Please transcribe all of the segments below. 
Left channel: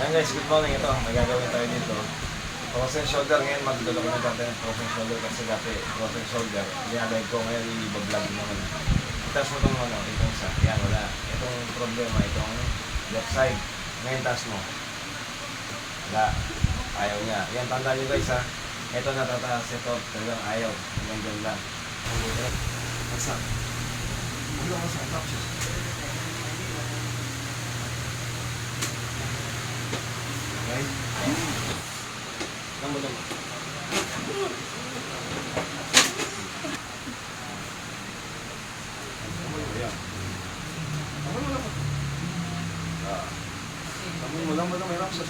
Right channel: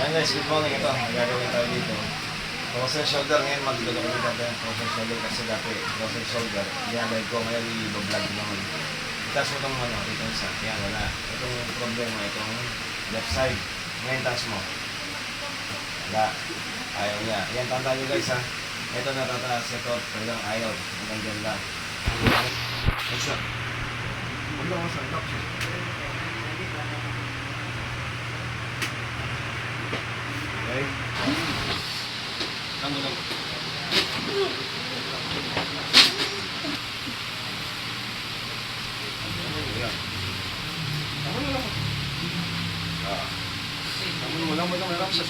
Ayan guys, good morning. Ito, may gagawin tayo dito. Frozen shoulder ngayon, mag-document natin yung frozen shoulder kasi dati frozen shoulder. Ginagawin ko ngayon, i-vlog naman. Itas mo itong ano, itong isa. Yan, wala. Itong problema, itong left side. Ngayon, taas mo. Wala. Ayaw niya. Yan, tandaan nyo guys ha. Ito natataas, ito talagang ayaw. Hanggang dyan lang. Basta. Basta, basta. Okay? Tama.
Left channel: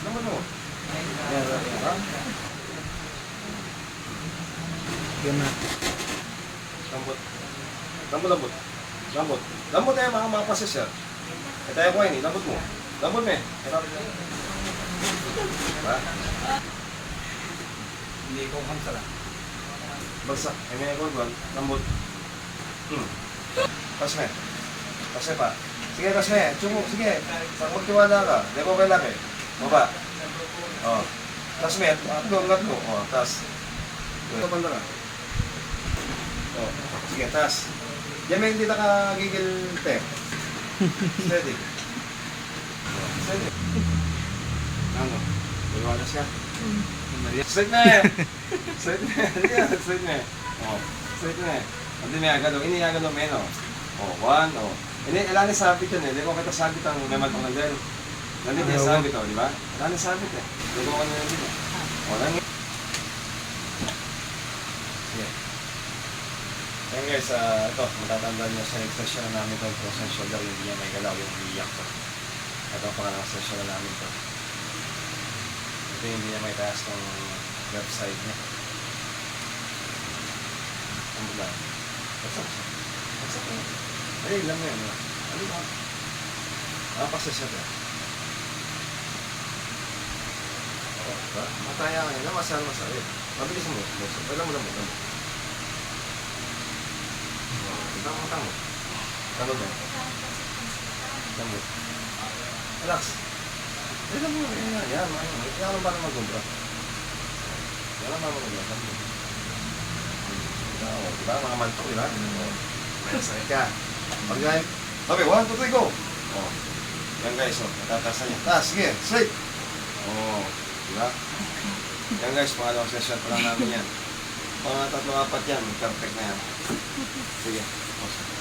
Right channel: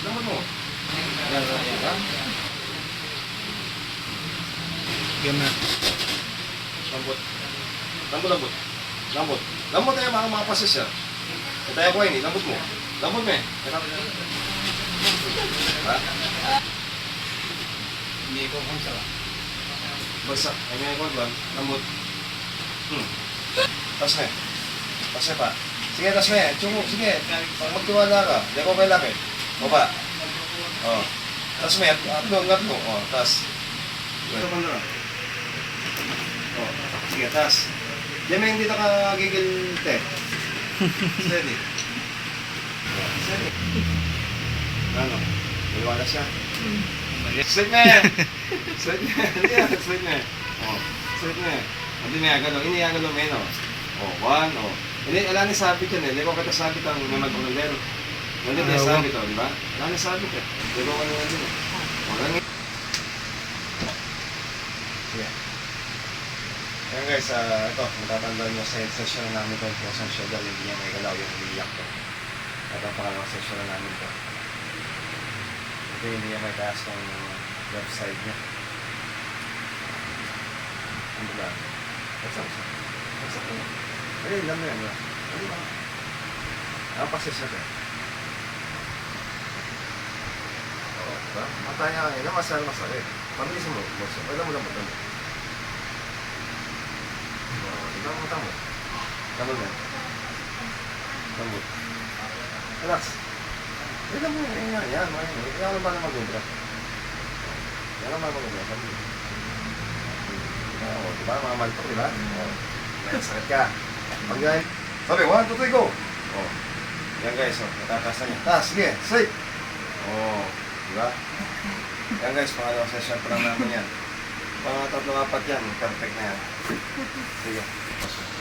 Lamot mo. Yan, ha? Game na. Lambot tayo mga pases ya. Tayo ko ini, lambot mo. Lambot me. Ha? Hindi ko kung sala. Bagsak. Ay nga ko ba? Lambot. Tas me. Tas me pa. Sige, tas me. Chungo, sige. Pag magtiwala ka, di ko kailangan. Baba. Oh. Tas me. Atlo. Oh, tas. Ito banda ka. Oh. Sige, tas. Diyan may hindi nakagigil te. Steady. Oh, steady. Ano? Dalawa siya. Straight na eh. Straight na eh. Oh, straight na eh. Hindi may agalo. Ini agalo menos. Oh, one, oh. Hindi, wala na sabit yun eh. Hindi ko kita sabit ang may magpangaldero. Hindi ko sabit oh, di ba? Wala na sabit eh. Hindi ko kanina din eh. Oh, lang eh. Okay. Ayan guys, ito, matatandaan nyo sa session na namin ito, frozen shoulder, hindi niya may galaw yung umiiyak to. Ito ang pangalawang session na namin ito. Ito hindi niya may taas ng left side niya. Ano ba? Bagsak. Ay, alam mo yan. Ano ba? Ang pases natin. Oo, diba? Mataya ka nila, masakit. Mabilis mo. Alam mo. Tamo. Tamo yan. Tamo. Relax. Alam mo yan. Yan lang ba na mag-ubra? Yan lang ba mag-ubra? Tamo. Diba? Mga mantok, diba? May sakit ka. Pag-gain. Sabi, 1, 2, 3, go! Oh. Yan guys, natataas na niya. Taas, sige, straight! Oh. Diba? Yan guys, pangalawang session pa lang namin yan. Mga 3-4 yan, perfect na yan. Sige. Awesome.